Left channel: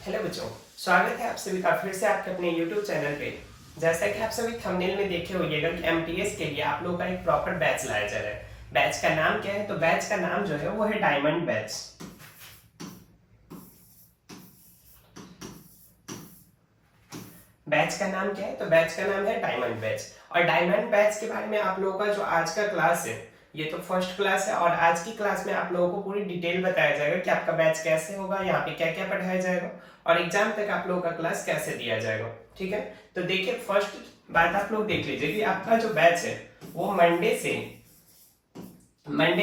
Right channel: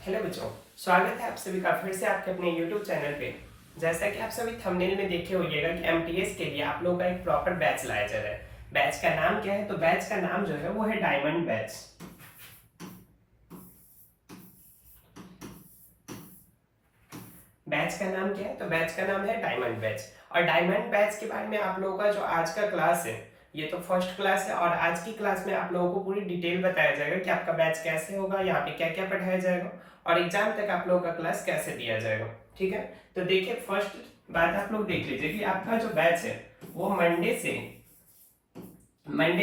Hello बच्चों, स्वागत है आप सभी का फिर से आपके अपने YouTube चैनल पे। जैसा कि आप सभी थंबनेल में देखे होइएगा कि एमटीएस के लिए आप लोगों का एक प्रॉपर बैच लाया जा रहा है। बैच का नाम क्या है? तो बैच का नाम जो है वो है डायमंड बैच। बैच का नाम क्या है? तो बैच का नाम है डायमंड बैच। और डायमंड बैच के बारे में आप लोगों का जो आज का क्लास है, ये तो फर्स्ट क्लास है और आज की क्लास में आप लोगों को पूरी डिटेल बताया जाएगा कि आपका बैच कैसे होगा, यहाँ पे क्या क्या पढ़ाया जाएगा और एग्जाम तक आप लोगों का क्लास कैसे दिया जाएगा। ठीक है, तो देखिए फर्स्ट बात आप लोग देख लीजिए कि आपका जो बैच है वो मंडे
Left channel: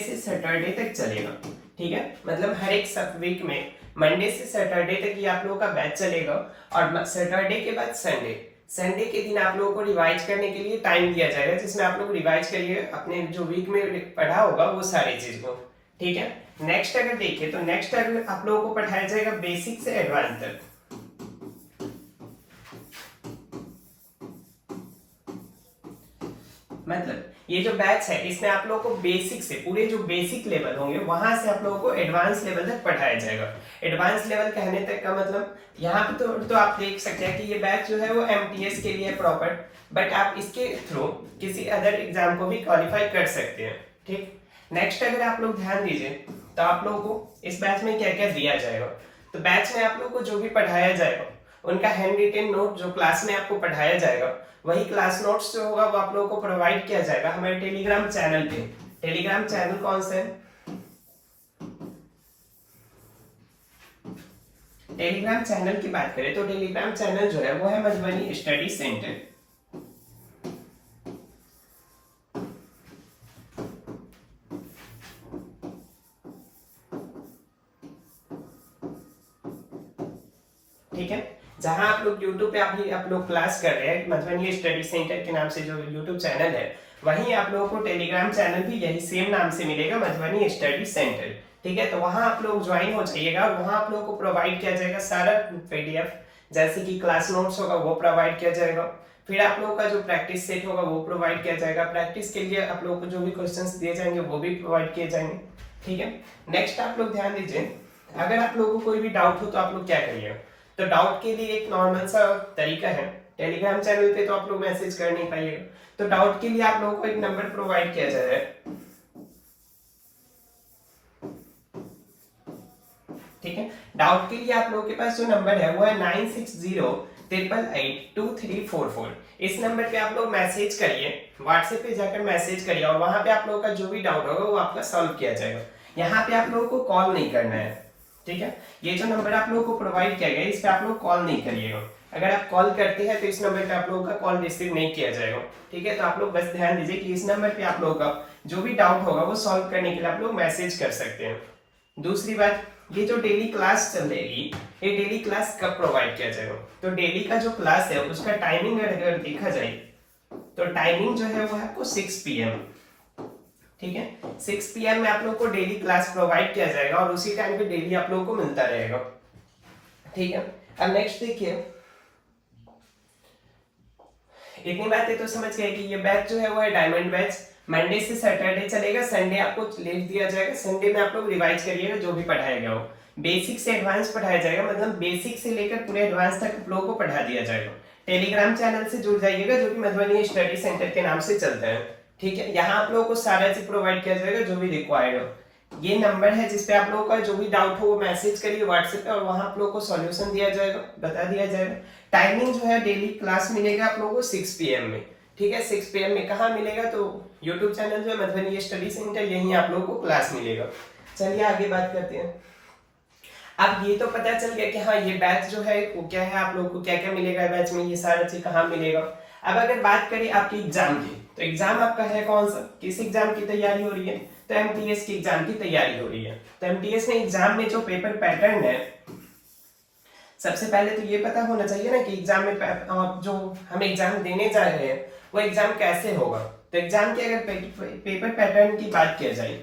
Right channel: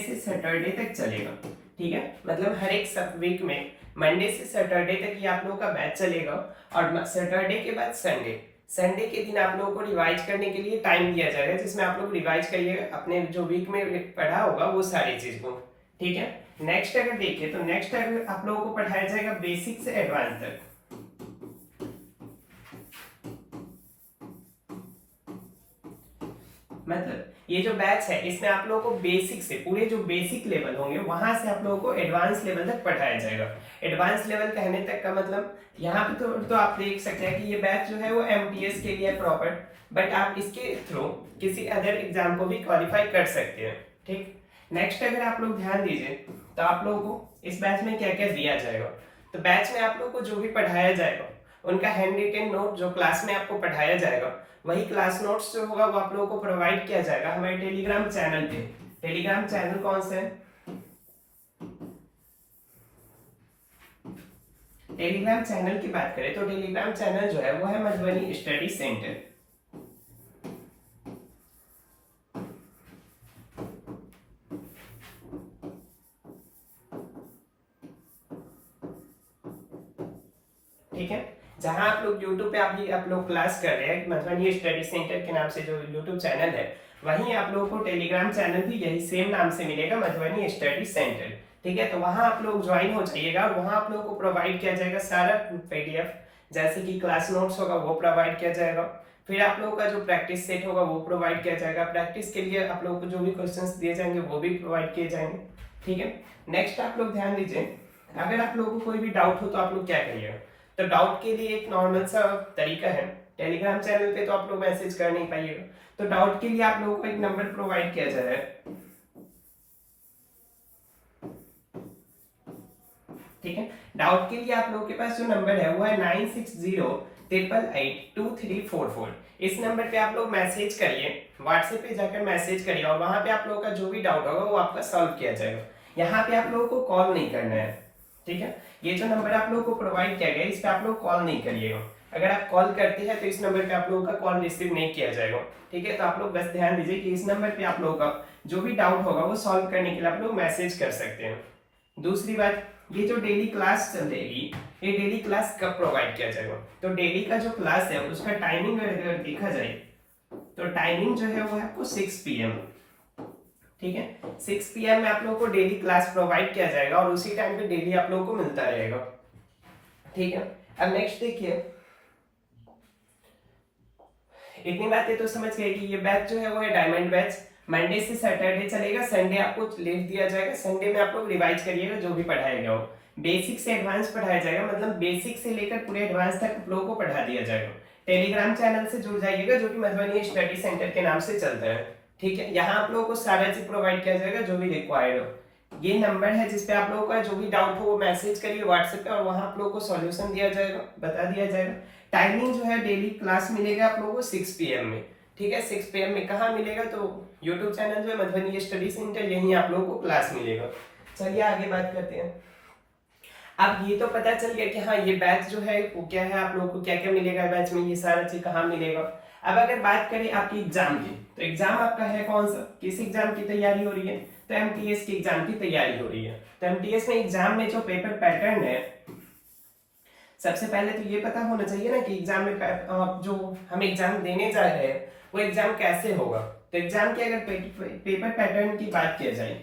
से सैटरडे तक चलेगा। ठीक है, मतलब हर एक सब वीक में मंडे से सैटरडे तक ये आप लोगों का बैच चलेगा और सैटरडे के बाद संडे संडे के दिन आप लोगों को रिवाइज करने के लिए टाइम दिया जाएगा, जिसमें आप लोग रिवाइज करिए अपने जो वीक में पढ़ा होगा वो सारी चीज को। ठीक है, नेक्स्ट अगर देखिए तो नेक्स्ट अगर आप लोगों को पढ़ाया जाएगा बेसिक से एडवांस तक। मतलब ये जो बैच है इसमें आप लोगों को बेसिक से पूरे जो बेसिक लेवल होंगे वहां से आप लोगों को एडवांस लेवल तक पढ़ाया जाएगा। एडवांस लेवल कहने तक का मतलब यहाँ पे तो आप देख सकते हैं कि ये बैच जो है वो एमटीएस के लिए प्रॉपर, बट आप इसके थ्रू किसी अदर एग्जाम को भी क्वालिफाई कर सकते हैं। ठीक, नेक्स्ट अगर आप लोग ध्यान दीजिए तो आप लोगों को इस बैच में क्या क्या दिया जाएगा। तो बैच में आप लोग को जो भी पढ़ाया जाएगा उनका हैंड रिटेन नोट जो क्लास में आपको पढ़ाया जाएगा वही क्लास नोट्स जो होगा वो आप लोगों को प्रोवाइड किया जाएगा हमारे टेलीग्राम चैनल पे। टेलीग्राम चैनल कौन सा है? टेलीग्राम चैनल की बात करें तो टेलीग्राम चैनल जो है वो है मधुबनी स्टडी सेंटर। ठीक है, जहां आप लोग YouTube पे अभी आप लोग क्लास कर रहे हैं मधुबनी स्टडी सेंटर के नाम से जो YouTube चैनल है, वहीं आप लोगों को टेलीग्राम चैनल भी यही सेम नाम से मिलेगा मधुबनी स्टडी सेंटर। ठीक है, तो वहां आप लोग ज्वाइन हो जाइएगा और वहां आप लोगों को प्रोवाइड किया जाएगा सारा पीडीएफ, जैसे कि क्लास नोट्स होगा वो प्रोवाइड किया जाएगा, फिर आप लोगों का जो प्रैक्टिस सेट होगा वो प्रोवाइड किया जाएगा, प्रैक्टिस के लिए आप लोगों को जो भी क्वेश्चंस दिए जाएंगे वो भी प्रोवाइड किए जाएंगे। ठीक है, नेक्स्ट आप लोग ध्यान दीजिए, अगर आप लोगों को कोई भी डाउट हो तो आप लोग क्या करिएगा। तो डाउट के लिए एक नॉर्मल सा तरीका है, टेलीग्राम चैनल पे तो आप लोग मैसेज कर नहीं पाइएगा, तो डाउट के लिए आप लोगों को एक नंबर प्रोवाइड किया जा रहा है। ठीक है, डाउट के लिए आप लोगों के पास जो नंबर है वो है 9608882344। इस नंबर पे आप लोग मैसेज करिए, व्हाट्सएप पे जाकर मैसेज करिए और वहां पे आप लोगों का जो भी डाउट होगा वो आपका सॉल्व किया जाएगा। यहाँ पे आप लोगों को कॉल नहीं करना है। ठीक है, ये जो नंबर आप लोगों को प्रोवाइड किया गया इस पे आप लोग कॉल नहीं करिएगा। अगर आप कॉल करते हैं तो इस नंबर पे आप लोगों का कॉल रिसीव नहीं किया जाएगा। ठीक है, तो आप लोग बस ध्यान दीजिए कि इस नंबर पे आप लोगों का जो भी डाउट होगा वो सॉल्व करने के लिए आप लोग मैसेज कर सकते हैं। दूसरी बात, ये जो डेली क्लास चलेगी ये डेली क्लास कब प्रोवाइड किया जाएगा। तो डेली का जो क्लास है उसका टाइमिंग अगर देखा जाए तो टाइमिंग जो है वो है आपको 6 PM। ठीक है, 6 PM में आप लोग को डेली क्लास प्रोवाइड किया जाएगा और उसी टाइम पे डेली आप लोगों को मिलता रहेगा। ठीक है, अब नेक्स्ट देखिए, इतनी बातें तो समझ गए कि ये बैच जो है वो है डायमंड बैच, मंडे से सैटरडे चलेगा, संडे आपको लीव दिया जाएगा, संडे में आप लोग रिवाइज करिएगा जो भी पढ़ाया गया हो। बेसिक से एडवांस पढ़ाया जाएगा, मतलब बेसिक से लेकर पूरे एडवांस तक आप लोगों को पढ़ा दिया जाएगा। टेलीग्राम चैनल से जुड़ जाइएगा जो कि मधुबनी स्टडी सेंटर के नाम से चलता है। ठीक है, यहाँ आप लोगों को सारा चीज प्रोवाइड किया जाएगा जो भी रिक्वायर्ड हो। ये नंबर है जिसपे आप लोगों का जो भी डाउट हो वो मैसेज करिए व्हाट्सएप पे और वहां आप लोगों को सॉल्यूशन दिया जाएगा, बता दिया जाएगा। टाइमिंग जो है डेली क्लास मिलेगा आप लोगों को 6 PM में। ठीक है, 6 PM में कहाँ मिलेगा? तो यूट्यूब चैनल जो है मधुबनी स्टडी सेंटर, यहीं आप लोगों को क्लास मिलेगा। चलिए आगे बात करते हैं। अब ये तो पता चल गया कि हाँ ये बैच जो है वो क्या है, आप लोगों को क्या क्या मिलेगा बैच में, ये सारा चीज कहाँ मिलेगा। अब अगर बात करें आपकी एग्जाम की, तो एग्जाम आपका है कौन सा, किस एग्जाम की तैयारी हो रही है? तो एमटीएस की एग्जाम की तैयारी हो रही है। तो एमटीएस में एग्जाम में जो पेपर पैटर्न है, सबसे पहले तो ये पता होना चाहिए ना कि एग्जाम में जो हम एग्जाम देने जा रहे हैं वो एग्जाम कैसे होगा। तो एग्जाम के अगर पेपर पैटर्न की बात किया जाए,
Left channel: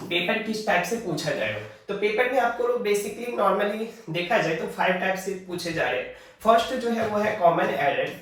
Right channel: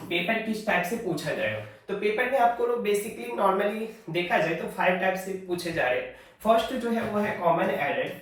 पेपर किस टाइप से पूछा जाएगा, तो पेपर में आपको बेसिकली नॉर्मली देखा जाए तो 5 टाइप से पूछे जा रहे हैं। फर्स्ट जो है वो है कॉमन एरर,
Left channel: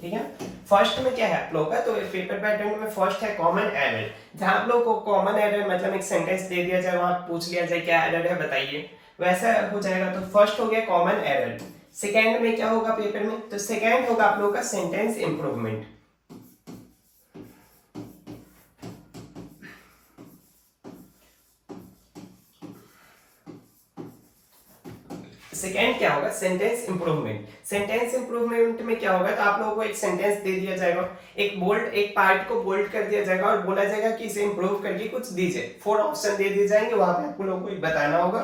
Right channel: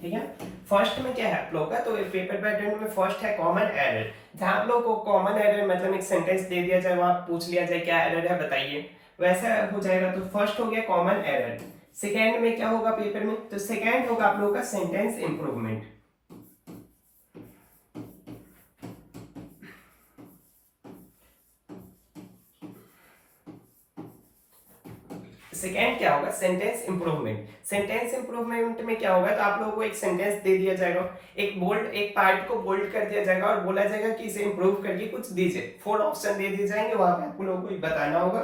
ठीक है। फर्स्ट में क्या है आप लोगों का, तो पेपर पैटर्न में फर्स्ट है कॉमन एरर, जहां आप लोगों को कॉमन एरर मतलब एक सेंटेंस दे दिया जाए, वहां पूछ लिया जाए क्या एरर है बताइए, वैसा हो जाएगा। तो फर्स्ट हो गया कॉमन एरर। सेकेंड में क्या होगा पेपर में, तो सेकेंड होगा आप लोगों का सेंटेंस इंप्रूवमेंट। सेकेंड क्या होगा, सेंटेंस इंप्रूवमेंट। सेंटेंस इंप्रूवमेंट में क्या होगा, तो आप लोगों को एक सेंटेंस दे दिया जाएगा, एक बोल्ड एक पार्ट को बोल्ड कर दिया जाएगा और बोला जाएगा कि इसे इंप्रूव करके कुछ दीजिए। 4 ऑप्शन दे दिए जाएंगे, वहां पे आप लोगों को बताना होगा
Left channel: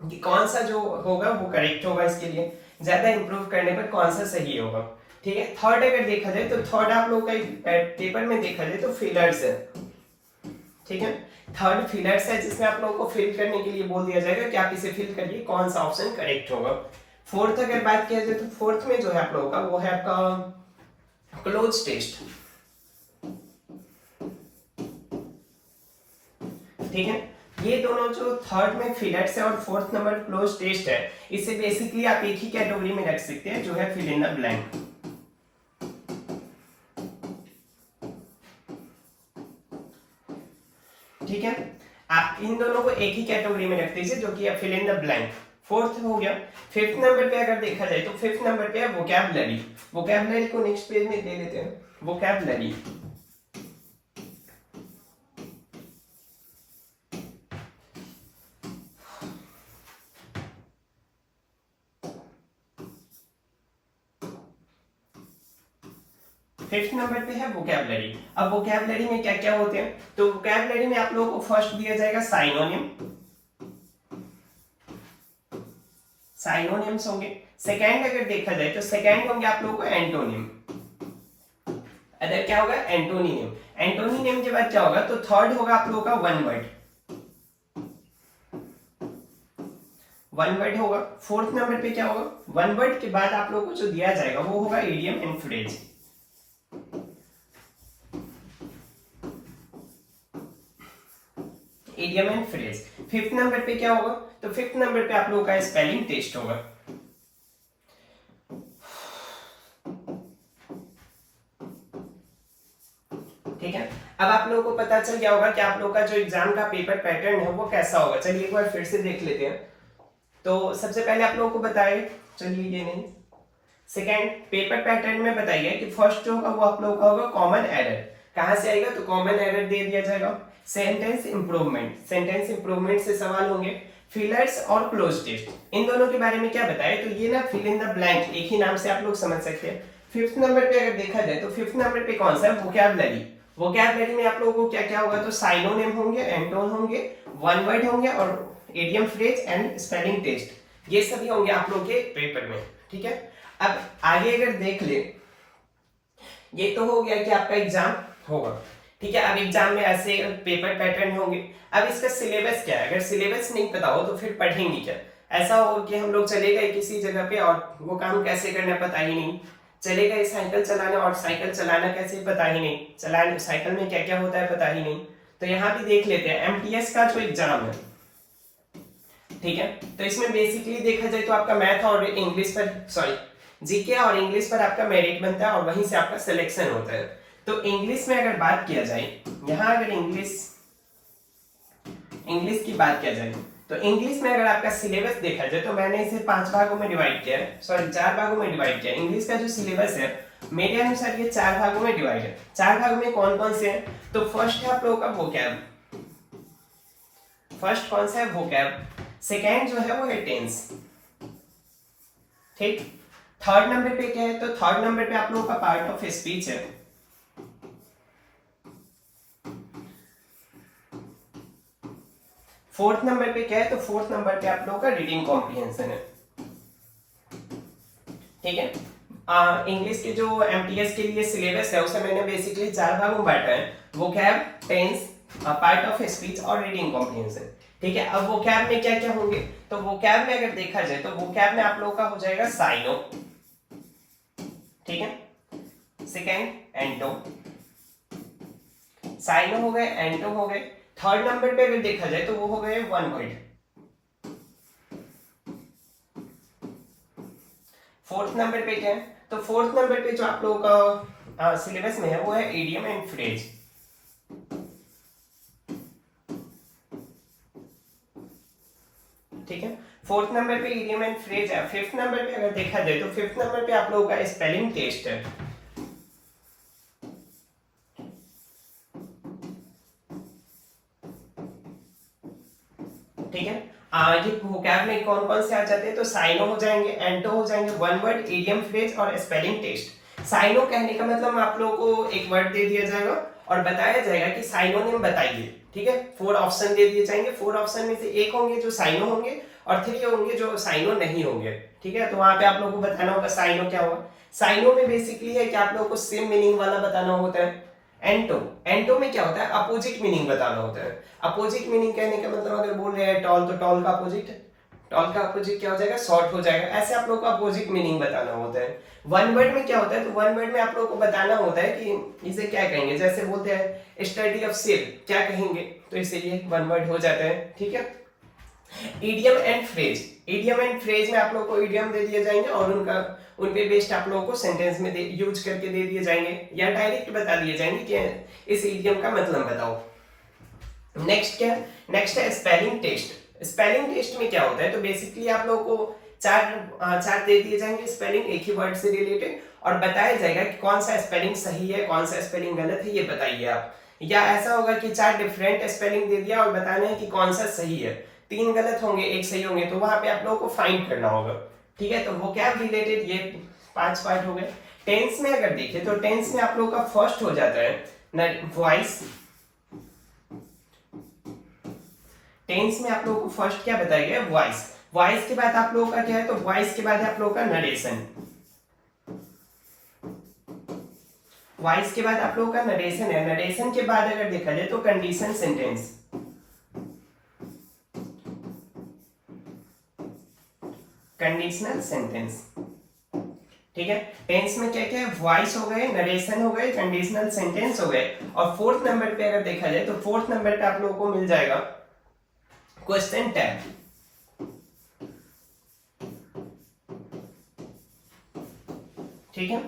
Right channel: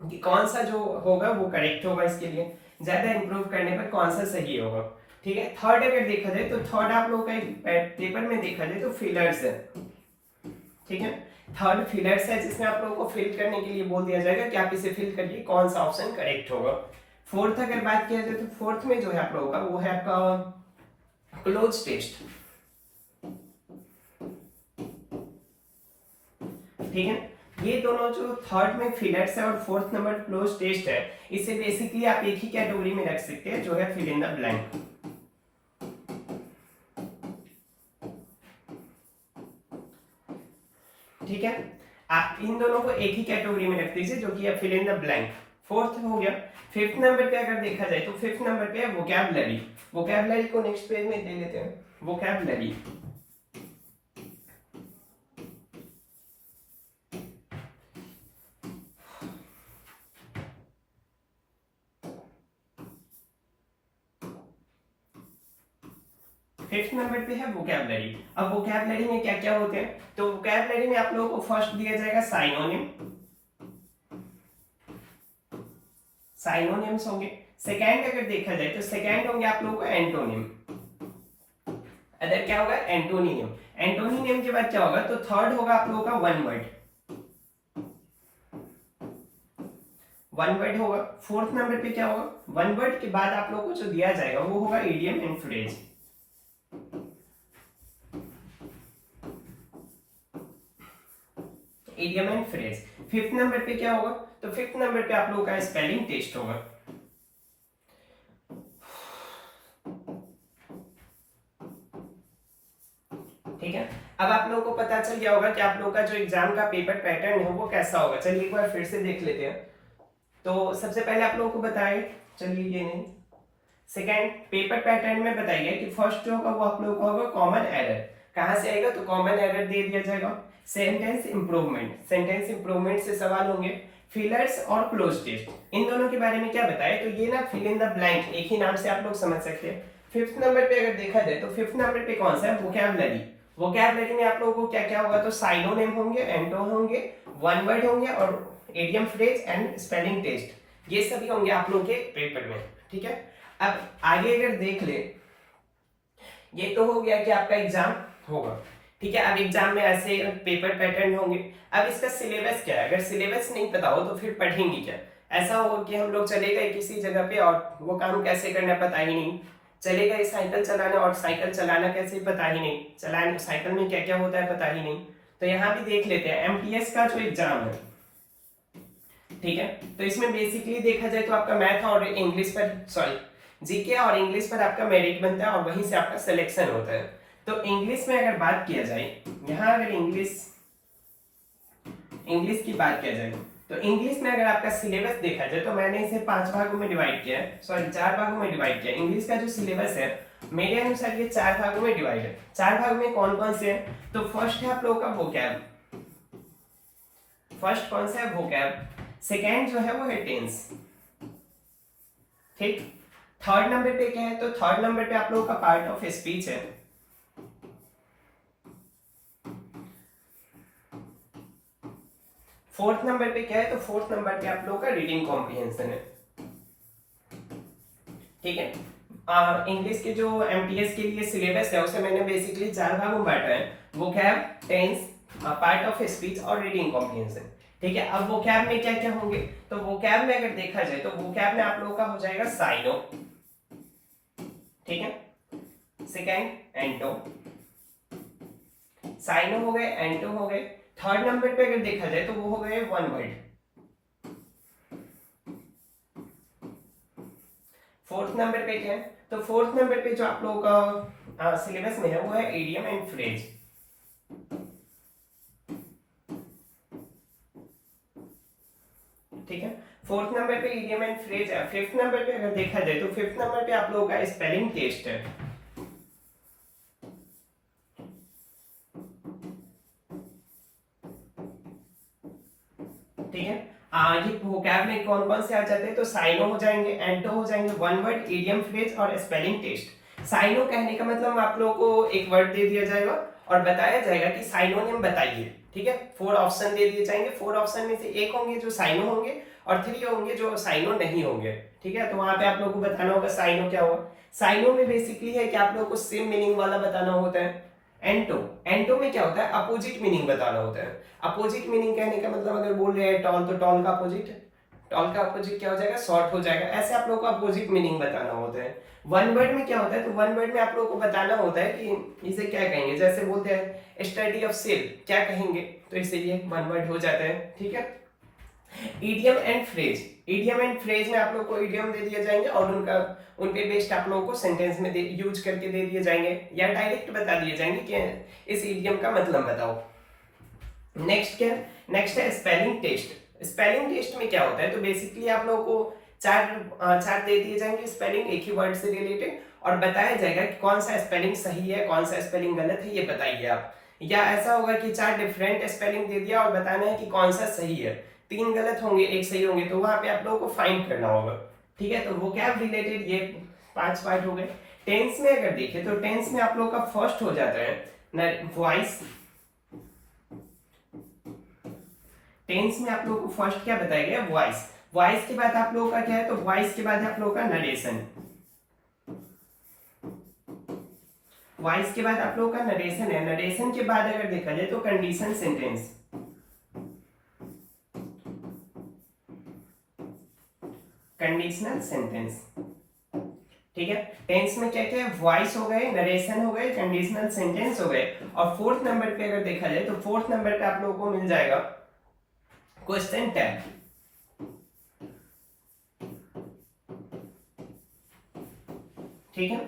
कि कौन सा जो होगा वो करेक्ट होगा, इसके लिए ज्यादा इंप्रूव करने पर कौन सा सही होगा। ठीक है। थर्ड अगर देखा जाए तो थर्ड आप लोगों का पेपर में देखा जाए तो फिलर्स है। ठीक है। थर्ड फिलर्स है, जिसमें आप लोगों को फिल करने के लिए बोल दिया जाएगा कि आप इसे फिल करिए, कौन सा ऑप्शन करेक्ट होगा। फोर्थ अगर बात किया जाए तो फोर्थ में जो है आप लोगों का वो है आपका क्लोज टेस्ट। ठीक है। ये दोनों जो थर्ड में फिलर्स है और फोर्थ नंबर क्लोज टेस्ट है, इसे बेसिकली आप एक ही कैटेगरी में रख सकते हैं, जो है फिल इन द ब्लैंक। ठीक है। आप इन दोनों को एक ही कैटेगरी में रख दीजिए, जो कि fill in the blank. Fourth हो गया। फिफ्थ नंबर पे अगर देखा जाए तो फिफ्थ नंबर पे है वोकैबुलरी। वोकैबुलरी को नेक्स्ट पेज में दे लेते हैं। वोकैबुलरी, फिफ्थ नंबर पे है वोकैबुलरी। अब वोकैबुलरी में क्या क्या होते हैं, तो वोकैबुलरी में आप लोगों को फर्स्ट दिया जाएगा साइनोनिम, साइनोनिम्स होंगे। सेकंड अगर देखा जाए तो सेकंड होंगे आप लोगों को एंटोनिम। अदर क्या होगा, एंटोनिम। एंटोनिम के बाद क्या होगा, तो थर्ड होगा आप लोगों का वन वर्ड, वन वर्ड होगा। फोर्थ नंबर पे क्या होगा, वन वर्ड के बाद आप लोगों को जो दिया जाएगा वो होगा idiom and phrase. Idiom and phrase. Fifth number पे क्या होगा, तो फिफ्थ नंबर पे आप लोगों का स्पेलिंग टेस्ट होगा। ठीक है। अब आप लोगों को पता चल गया होगा कि आप लोगों का जो एग्जाम का पेपर पैटर्न है वो कैसा होगा। चलिए एक बार फिर से देख लेते हैं। तो सबसे पहले आप लोगों को बताए, चलिए ये नहीं, सेकेंड पेपर पैटर्न में बताइए कि फर्स्ट जो होगा वो आप लोगों का होगा कॉमन एरर। कहां से आएगा, तो कॉमन एरर दे दिया जाएगा। सेंटेंस इंप्रूवमेंट, सेंटेंस इंप्रूवमेंट से सवाल होंगे। फिलर्स और क्लोज टेस्ट, इन दोनों के बारे में क्या बताया, तो ये ना फिल इन द ब्लैंक एक ही नाम से आप लोग समझ सकते हैं। फिफ्थ नंबर पे अगर देखा जाए तो फिफ्थ नंबर पे कौन सा है, वोकैबुलरी। वोकैबुलरी में आप लोगों को क्या क्या होगा, तो साइनोनिम होंगे, एंटोन होंगे, वन वर्ड होंगे और idiom phrase and spelling test, ये सभी होंगे आप लोगों के पेपर में। ठीक है। अब आगे अगर देख ले, ये तो हो गया कि आपका एग्जाम होगा। ठीक है। अब एग्जाम में ऐसे पेपर पैटर्न होंगे। अब इसका सिलेबस क्या है, अगर सिलेबस नहीं पता हो तो फिर पढ़ेंगे क्या। ऐसा हो कि हम लोग चले गए किसी जगह पे और वो काम कैसे करना पता ही नहीं, चले गए साइकिल चलाने और साइकिल चलाना कैसे पता ही नहीं, चलाने साइकिल में क्या क्या होता है पता ही नहीं। तो यहाँ भी देख लेते हैं एमटीएस का जो एग्जाम है। ठीक है। तो इसमें बेसिकली देखा जाए तो आपका मैथ और इंग्लिश पर, सॉरी जीके और इंग्लिश पर आपका मेरिट बनता है और वहीं से आपका सिलेक्शन होता है। तो इंग्लिश में अगर बात किया जाए, यहाँ अगर इंग्लिश की बात किया जाए तो इंग्लिश में अगर आपका सिलेबस देखा जाए तो मैंने इसे 5 भागों में डिवाइड किया है, सॉरी 4 भागों में डिवाइड किया है। इंग्लिश का जो सिलेबस है मेरे अनुसार ये 4 भागों में डिवाइड है। 4 भागों में कौन कौन से हैं, तो फर्स्ट है आप लोगों का वोकैब, फर्स्ट कौन सा है वोकैब। सेकेंड जो है वो है टेंस। ठीक। थर्ड नंबर पे क्या है, तो थर्ड नंबर पे आप लोगों का पार्ट ऑफ स्पीच है। फोर्थ नंबर पे क्या है, तो फोर्थ नंबर पे आप लोगों का रीडिंग कॉम्प्रिहेंशन है। ठीक है। इंग्लिश के जो एमटीएस के लिए सिलेबस है उसे मैंने बेसिकली 4 भागों में बांटा है, vocab, tense, part of speech और रीडिंग कॉम्प्रिहेंशन। ठीक है। अब वोकैब में क्या क्या होंगे, तो वोकैब में अगर देखा जाए तो वोकैब में आप लोगों का हो जाएगा साइनो। ठीक है। सेकेंड एंटो, साइनो हो गए, एंटो हो गए। थर्ड नंबर पे अगर देखा जाए तो वो हो गए वन वर्ड। फोर्थ नंबर पे क्या है, तो फोर्थ नंबर पे जो आप लोगों का सिलेबस में है वो है इडियम एंड फ्रेज। ठीक है, फोर्थ नंबर पे इडियम एंड फ्रेज है। फिफ्थ नंबर पे अगर देखा जाए तो फिफ्थ नंबर पे आप लोगों का स्पेलिंग टेस्ट है। ठीक है, ये वोकैब में कौन कौन से आ जाते हैं, तो साइनो हो जाएंगे, एंटो हो जाएंगे, वन वर्ड, इडियम, फ्रेज और स्पेलिंग टेस्ट। साइनो कहने का मतलब आप लोगों को एक वर्ड दे दिया जाएगा और बताया जाएगा कि साइनोनिम बताइए। ठीक है, 4 ऑप्शन दे दिए जाएंगे, 4 ऑप्शन में से एक होंगे जो साइनो होंगे और 3 होंगे जो साइनो नहीं होंगे। ठीक है, तो वहां पे आप लोगों को बताना होगा साइनो क्या होगा। साइनो में बेसिकली है कि आप लोगों को सेम मीनिंग वाला बताना होता है। एंटो, एंटो में क्या होता है, अपोजिट मीनिंग बताना होता है। अपोजिट मीनिंग कहने का मतलब अगर बोल रहे हैं टॉल, तो टॉल का अपोजिट, टॉल का अपोजिट क्या हो जाएगा, शॉर्ट हो जाएगा। ऐसे आप लोगों को अपोजिट मीनिंग बताना होता है। वन वर्ड में क्या होता है, तो वन वर्ड में आप लोगों को बताना होता है कि इसे क्या कहेंगे। जैसे बोलते हैं स्टडी ऑफ सेल, क्या कहेंगे, तो इससे ये वन वर्ड हो जाता है। ठीक है, idiom and phrase, idiom and phrase में आप लोग को इडियम दे दिए जाएंगे और उनका उन पे बेस्ड आप लोगों को सेंटेंस में यूज करके दे दिए जाएंगे या डायरेक्ट बता दिए जाएंगे कि इस इडियम का मतलब बताओ। नेक्स्ट क्या, नेक्स्ट है स्पेलिंग टेस्ट। स्पेलिंग टेस्ट में क्या होता है, तो बेसिकली आप लोगों को चार दे दिए जाएंगे स्पेलिंग एक ही वर्ड से रिलेटेड और बताया जाएगा कि कौन सा स्पेलिंग सही है कौन सा स्पेलिंग गलत है, ये बताइए आप। या ऐसा होगा कि 4 डिफरेंट स्पेलिंग दे दिया और बताना है कि कौन सा सही है, 3 गलत होंगे 1 सही होंगे, तो वहां पे आप लोगों को फाइंड करना होगा। ठीक है, तो वो क्या रिलेटेड ये 5 पार्ट हो गए। टेंस में अगर देखें तो टेंस में आप लोगों का फर्स्ट हो जाता है वॉइस। टेंस में आप लोगों को फर्स्ट क्या बताया गया, वॉइस। वॉइस के बाद आप लोगों का क्या है, तो वॉइस के बाद है आप लोगों का नरेशन। वॉइस के बाद आप लोगों का नरेशन है। नरेशन के बाद अगर देखा जाए तो कंडीशन सेंटेंस। Conditional sentence. ठीक है, टेंस में क्या क्या है, वॉइस हो गए, नरेशन हो गए, कंडीशनल सेंटेंस हो गए। और फोर्थ नंबर पे अगर देखा जाए तो फोर्थ नंबर पे आप लोगों को मिल जाएगा क्वेश्चन टैग। ठीक है,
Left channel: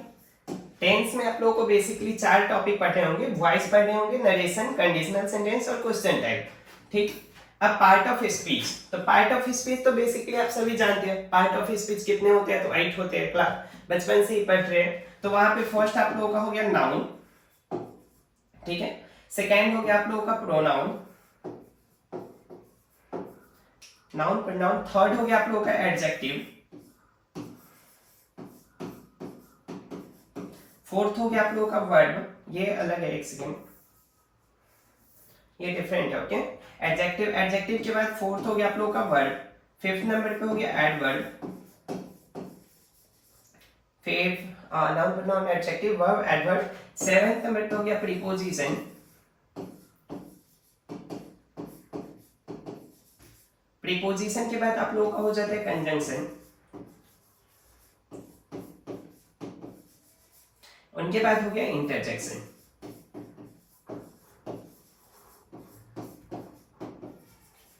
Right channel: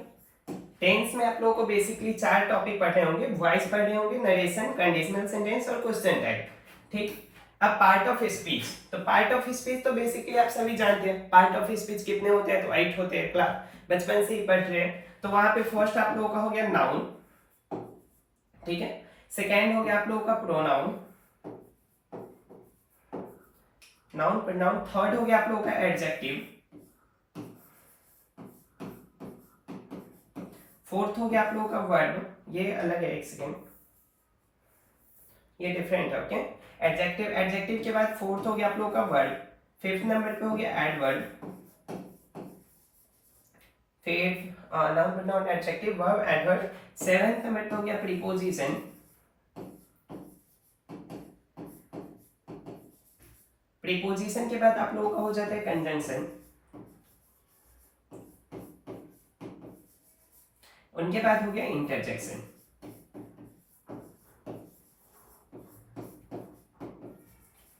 टेंस में आप लोगों को बेसिकली 4 टॉपिक पढ़े होंगे, वॉइस पढ़े होंगे, नरेशन, कंडीशनल सेंटेंस और क्वेश्चन टैग। ठीक, अब पार्ट ऑफ स्पीच। तो पार्ट ऑफ स्पीच तो बेसिकली आप सभी जानते हैं पार्ट ऑफ स्पीच कितने होते हैं, तो 8 होते हैं, क्लास बचपन से ही पढ़ रहे हैं। तो वहां पे फर्स्ट आप लोगों का हो गया नाउन। ठीक है, सेकेंड हो गया आप लोगों का प्रोनाउन, नाउन प्रोनाउन। थर्ड हो गया आप लोगों का एडजेक्टिव। फोर्थ हो गया आप लोगों का वर्ब, ये अलग है, एक सेकेंड, ये डिफरेंट है। ओके, एडजेक्टिव, एडजेक्टिव के बाद फोर्थ हो गया आप लोगों का वर्ब। फिफ्थ नंबर पे हो गया एडवर्ब। फिर noun pronoun adjective verb adverb. Seventh number पे हो गया प्रीपोजिशन। प्रीपोजिशन के बाद आप लोगों का हो जाता है कंजंक्शन। उनके बाद हो गया इंटरजेक्शन।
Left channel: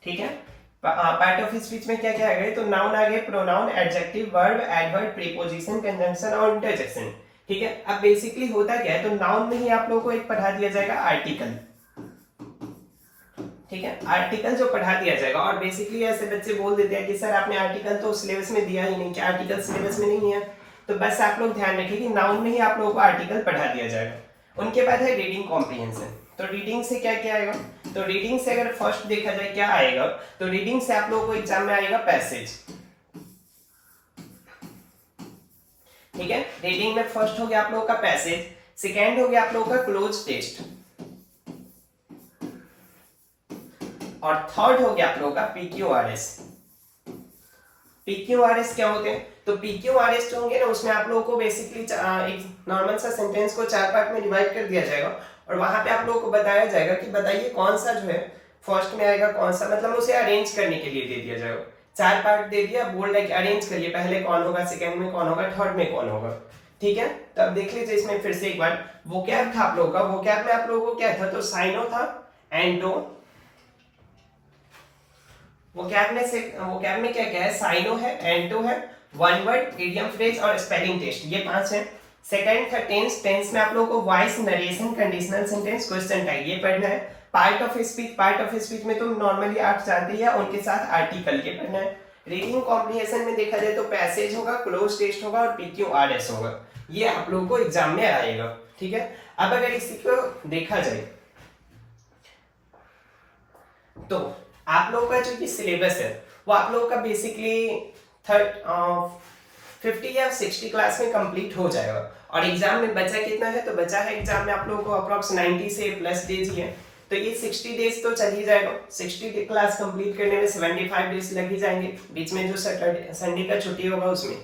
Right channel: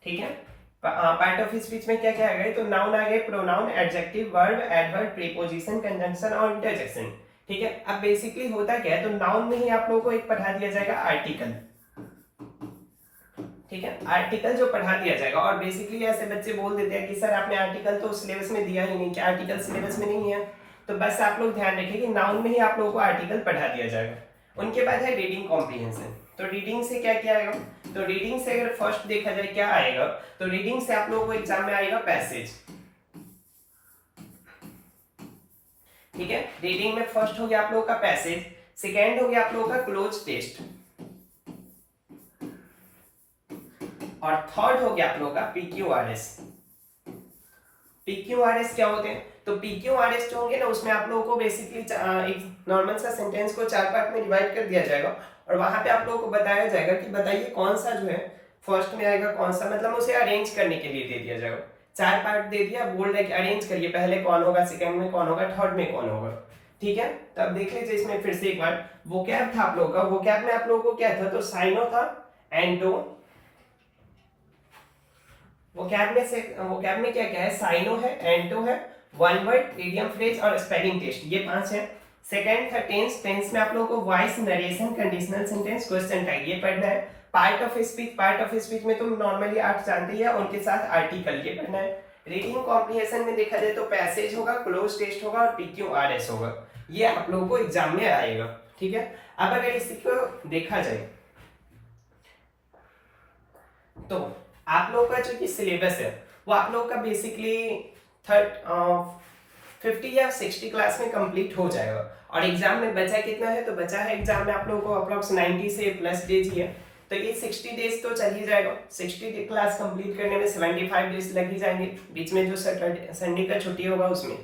ठीक है, पार्ट ऑफ स्पीच में क्या क्या आ गए, तो नाउन आ गए, pronoun, adjective, verb, adverb, preposition, conjunction और इंटरजेक्शन। ठीक है, अब बेसिकली होता क्या है, तो नाउन में ही आप लोगों को एक पढ़ा दिया जाएगा आर्टिकल। ठीक है, आर्टिकल जो पढ़ा दिया जाएगा, और बेसिकली ऐसे बच्चे बोल देते हैं कि सर आपने आर्टिकल तो सिलेबस में दिया ही नहीं, क्या आर्टिकल सिलेबस में नहीं है, तो बस आप लोग ध्यान रखिए कि नाउन में ही आप लोगों को आर्टिकल पढ़ा दिया जाएगा। उनके बाद है रीडिंग कॉम्प्रिहेंशन। तो रीडिंग से क्या क्या आएगा, तो रीडिंग से अगर फर्स्ट देखा जाए क्या आएगा, तो रीडिंग से आप लोगों को एग्जाम में आएगा पैसेज। ठीक है, रीडिंग में फर्स्ट हो गया आप लोगों का पैसेज, सेकेंड हो गया आप लोगों का क्लोज टेस्ट, और थर्ड हो गया आप लोगों का पीक्यूआरएस। पीक्यूआरएस क्या होते हैं, तो पीक्यूआरएस जो होंगे ना, उसमें आप लोगों को बेसिकली एक नॉर्मल सा सेंटेंस को 4 पार्ट में डिवाइड कर दिया जाएगा और वहां पे आप लोगों को बताया जाएगा कि बताइए कौन सा जो है फर्स्ट में आएगा, कौन सा, मतलब उसे अरेंज करने के लिए दे दिया जाएगा। 4 पार्ट दे दिया, बोल रहा है कि अरेंज करिए, पहले कौन होगा, सेकंड में कौन होगा, थर्ड में कौन होगा। ठीक है, तो अब देख लीजिए इसमें फिर से एक बार, वोकैब था आप लोगों का, वोकैब में आप लोगों को क्या था, तो साइनो था, एंटो, वोकैब में क्या क्या है, साइनो है, एंटो है, वन वर्ड, इडियम फ्रेज और स्पेलिंग टेस्ट, ये 5 है। सेकंड था टेंस। टेंस में आप लोगों को voice, narration, conditional sentence, question tag, ये पढ़ना है। Part of speech, part of speech में तुम नॉर्मली आप जानते ही है, उनके साथ आर्टिकल, ये पढ़ना है। रीडिंग कॉम्प्रिहेंशन में देखा जाए तो पैसेज होगा, क्लोज टेस्ट होगा और PQRS होगा, ये आप लोगों को एग्जाम में आएगा, ठीक है। अब अगर इसी को देखा जाए तो आप लोगों का जो ये सिलेबस है वो आप लोगों का बेसिकली 50 या 60 क्लास में कंप्लीट हो जाएगा। और एग्जाम में बचा कितना है, तो बचा है एग्जाम में आप लोगों को अप्रोक्स 90 से प्लस डेज ही है, तो ये 60 डेज तो चल ही जाएगा। 60 क्लास कंप्लीट करने में 75 डेज लग ही जाएंगे, बीच में जो सैटरडे संडे का छुट्टी होगा उसमें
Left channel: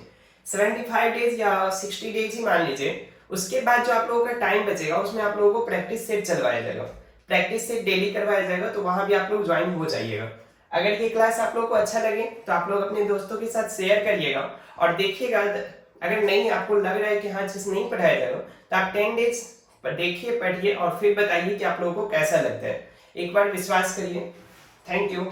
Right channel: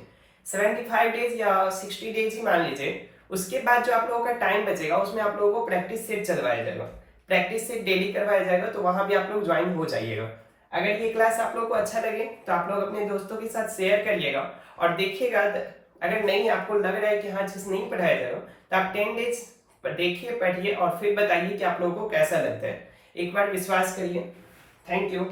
75 डेज या 60 डेज ही मान लीजिए। उसके बाद जो आप लोगों का टाइम बचेगा उसमें आप लोगों को प्रैक्टिस सेट चलवाया जाएगा, प्रैक्टिस सेट डेली करवाया जाएगा, तो वहां भी आप लोग ज्वाइन हो जाइएगा। अगर ये क्लास आप लोगों को अच्छा लगे तो आप लोग अपने दोस्तों के साथ शेयर करिएगा और देखिएगा। अगर नहीं आपको लग रहा है कि हाँ चीज नहीं पढ़ाया जाएगा तो आप 10 डेज देखिए, पढ़िए और फिर बताइए कि आप लोगों को कैसा लगता है। एक बार विश्वास करिए। Thank you.